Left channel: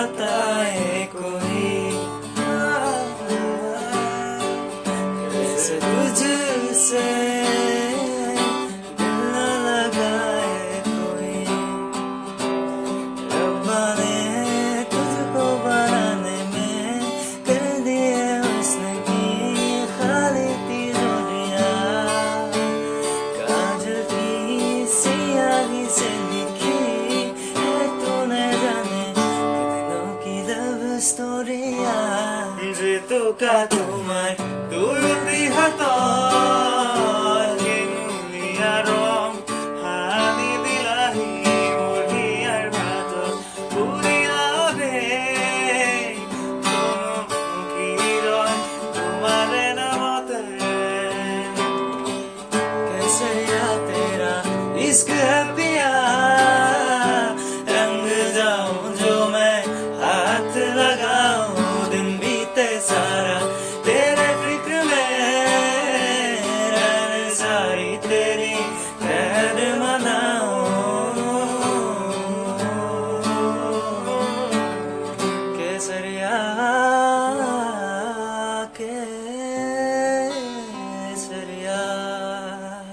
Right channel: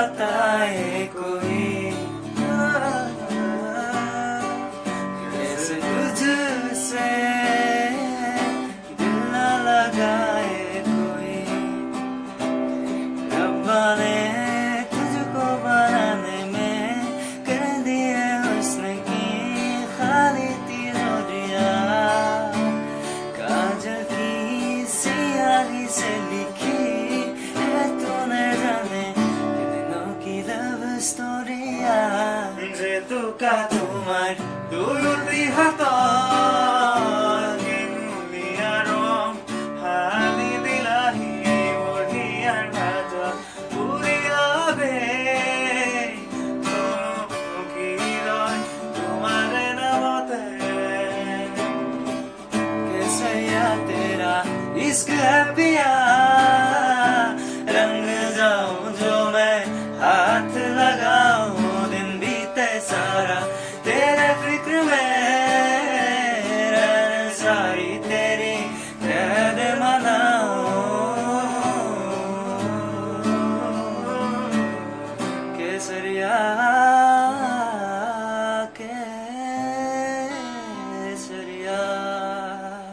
बताए कोई, कैसे तुझसे दिल न लगाए कोई। रब्बा ने तुझको बनाने में कर दिए हुस्न की खाली तिजोरियां, काजल की सियाही से लिखी है तूने जाने कितनों की लव स्टोरिया। जेतो का तुम्हार দুরুতি হাতৰ হিঙুলীয়া ৰং সানি দিলাহি মোৰ হিয়াৰ মাজত উৰিয়াবে চমকিৰয় তোমাৰে নামতে। कैसे या तेरा इश्क है